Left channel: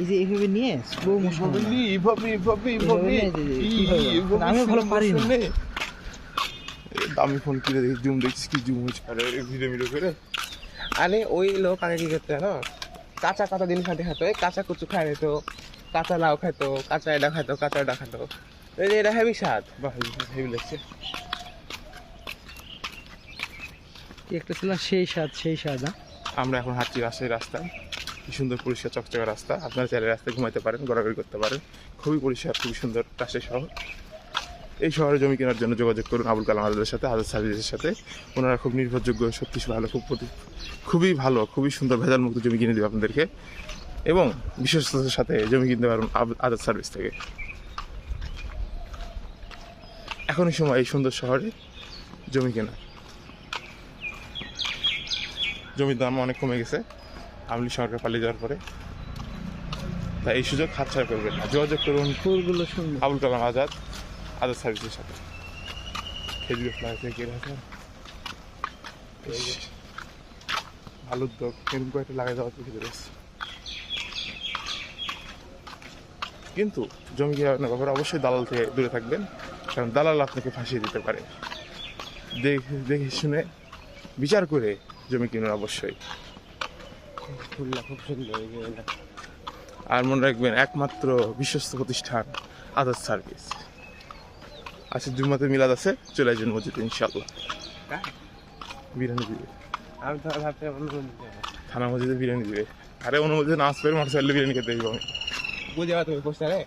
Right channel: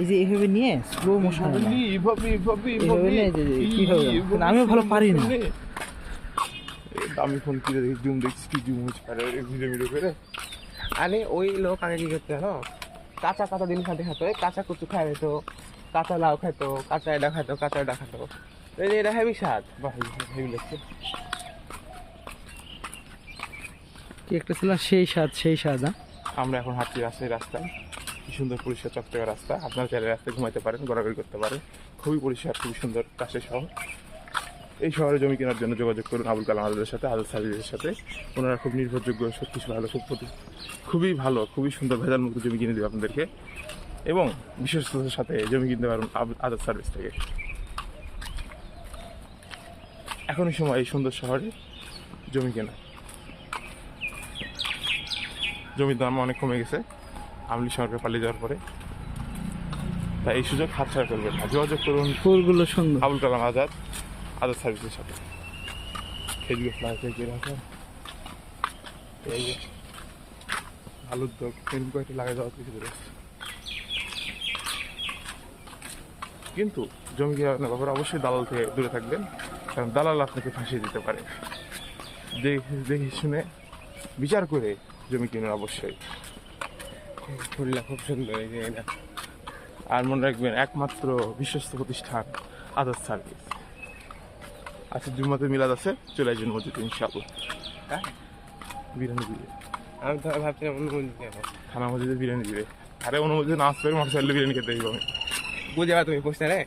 এই যে এইভাবে নিয়ে স্লো মোশন আমিও ভালো পারি না। দামি ফোন কিনে দেখি জুম দেখছিস কি জুম হচ্ছে? আরে ভিডিও ভিডিও করে। আরে ওই লোক আগে কি করতে জানো? কাঁচা কাঁচা জিনিস খাতে খাতো এই কাঁচা কুচু খাই নিত কাঁচা লাউ খাইতো কাঁচা এটা খাইতো কাঁচা এটা খাইতো। এই যে এটা হেভি স্বাদ হেভি লাগছে। কি একটা ছিল? সেই স্বাদ সেই স্বাদ? আমরা এখন হাঁটছি রাজশাহী রাস্তায়। কি সুন্দর পরিষ্কার চকচকে রাস্তা। আপনারা চাইলে রাস্তায় ঘুমাইতে পারেন ঘোরাঘুরি করতে পারেন। খুবই পরিষ্কার, খুবই সুন্দর রাজশাহী শহর। এই শহরে জমি কেনার জন্য যোগাযোগ করুন আবুল কালাম আজাদের সাথে, আজাদ সার্ভিসের সাথে। ওনারা খুব নির্ভরযোগ্য, সত্যি ভালো, খুব খুবই ভালো, খুবই সুন্দর ভেজাল মুক্ত জমি কিনে দেবে আপনাদেরকে। এবং বিশ্বস্ততার সাথে জমি কিনতে পারবেন আজাদ সার্ভিস থেকে। এখনই সময় এই সুন্দর শহরে জমি কেনা। জমির দাম অনেক কমে গেছে। আমলি সরকার পালিয়ে যাওয়ার পরে। তাই এই সুযোগ হাতছাড়া করবেন না। যোগাযোগ করুন ফুলগুলো সুন্দর। আবুল কালাম আজাদ আজাদ সার্ভিসের সাথে। খেজুর ফ্লাই থেকে রাখা এই যে, ভালো উদ্যোগ এরকম কয়েকটা লাগাই দেওয়া থেকে বেরোচ্ছে কিন্তু জমি কেনার ব্যাপারে অবশ্যই দালাল থেকে দূরে থাকবেন। কারণ দালাল আপনাকে ফাঁসিয়ে দিতে পারে। দেখে শুনে বিচার করে জমি কিনুন অবশ্যই। ফুলটা খুব সুন্দর এই যে এটা। আর মনে রাখবেন একমাত্র বিশ্বস্ত প্রতিষ্ঠান আদার সার্ভিস। আচ্ছা জুম্মাতে মিলাদ আছে চলে আসবেন মসজিদে ইনশাআল্লাহ? বিরিয়ানি দিবে আমি তো ভাবছিলাম অনুমতি দেবো থানা মসজিদে বিরিয়ানি দিবে আরে অনুমতি নামাজ পড়ে মোটর সাইকেলে বিরিয়ানি খেতে দিব আমি বুঝে তুমি পোস্টারে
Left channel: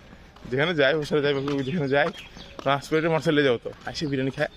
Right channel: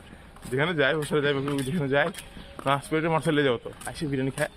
যেখানে যাই বসে যাই যেখানে যাই নামাজ পড়ে মোটর সাইকেলে যাও তো আসি বিরিয়ানি খায়।